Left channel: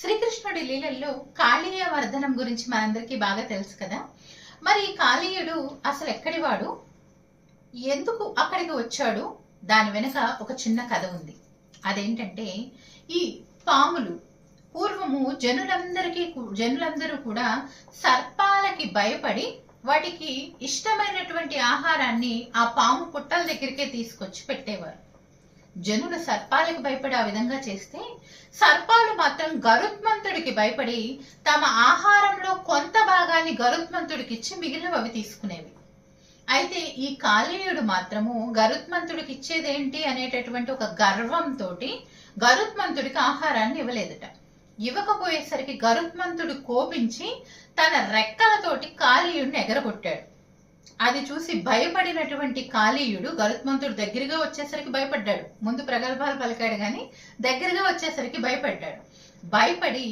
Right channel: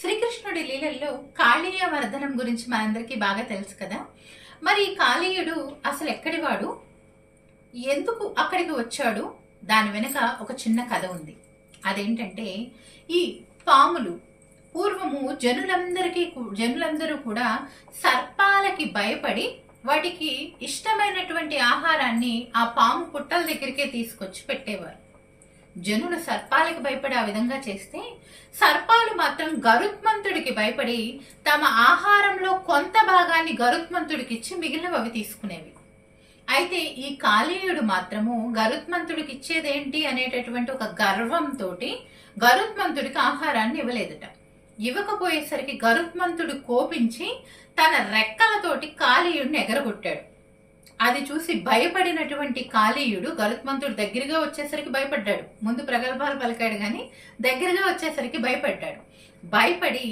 శ్రీకృష్ణుడి లీలల్లో కాళీయ వర్ధనం గురించి మనందరికీ బాగా తెలుసు కదా. మరి ఈ కాళీయుడు అసలు ఎక్కడివాడు? ఎందుకు అక్కడికి వచ్చాడు? దాని వెనుక ఒక చిన్న కథ ఉంది. అదేంటంటే ఈ పాములు పూర్వము జనులందరికీ జనులందరూ కూడా సర్పాలకి భయపడి వాటికి ఇష్టమైనటువంటి ఆహారాన్ని ఆ పాము పుట్టల దగ్గరికే తీసుకొచ్చి పెట్టేవారు. జనులు సర్పాలకు భయపడే ఆ విధంగా చేస్తే సర్పాలు మాత్రం గరుత్మంతుడికి భయపడి తమ ఆహారంలో కొంత భాగాన్ని గరుత్మంతుడికి ఇచ్చి మిగిలినవి అవి తీసుకునేవి. అయితే ఈ కాళీయుడు మాత్రము గరుత్మంతుడికి ఇచ్చేదేంటి అనేటటువంటి ఒక గర్వంతో గరుత్మంతుడికి ఆహారాన్ని ఇవ్వలేదట. ఇవ్వకపోయేసరికి గరుత్మంతుడు కోపించి తన రెక్కలతోటి కాళీయుడిని ఎగరగొట్టాడు. అది చూసి భయపడినటువంటి కాళీయుడు గరుత్మంతుడు దగ్గరగా వచ్చేసరికి భయపడ్డాడు. ముందు ప్రగల్భాలు పలికాడు కానీ దగ్గరగా వచ్చేసరికి భయపడ్డాడు. భయపడి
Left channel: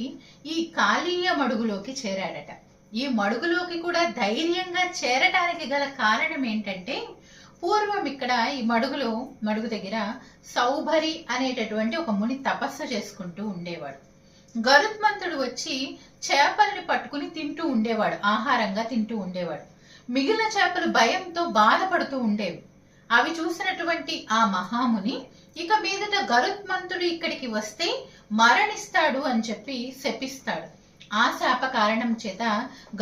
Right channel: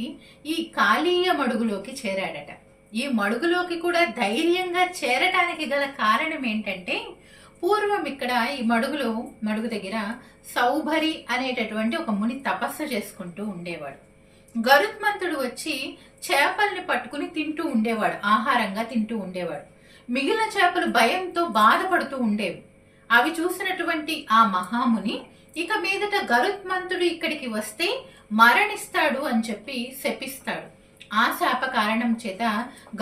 ఈ కాళీయ మడుగులోకి చేరాడట. ఈ మడుగులోకి కూడా ధైర్యంగా చేరటానికి గల కారణం ఏంటంటే పూర్వం ఇక్కడ ఈ మడుగులో మడుగు దగ్గర సౌభరి అనేటటువంటి ఒక ముని తపస్సు చేసుకుంటూ ఉండేవాడు. గరుత్మంతుడు వచ్చి చేపల్ని పట్టుకుని తింటూ ఉండేవాడు. ఆహారంగా తింటూ ఉండేవాడు. మిగిలిన చేపలు భయంతో బాధపడుతూ ఉండేవి. అవి చూసినటువంటి ఆ మహాముని ఇక మీదట గరుత్మంతుడు ఇక్కడికి వస్తే మరణిస్తాడు అని చెప్పి శపిస్తాడు. ఆ శాప కారణం చేత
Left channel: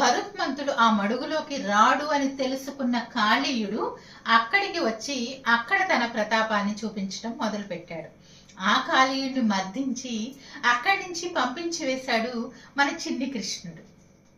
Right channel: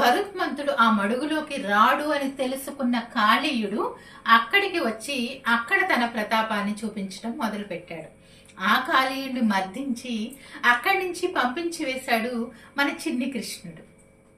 గరుత్మంతుడు ఆ మడుగులోకి రాడు అని తెలుసుకున్న కాళీయుడు అక్కడికి వచ్చి అక్కడ తన ప్రతాపాన్ని చూపించడం మొదలుపెట్టాడు. ఆ కాళీయుడు మర్దించి అక్కడి నుంచి పంపించి వేశాడు మన చిన్ని కృష్ణుడు.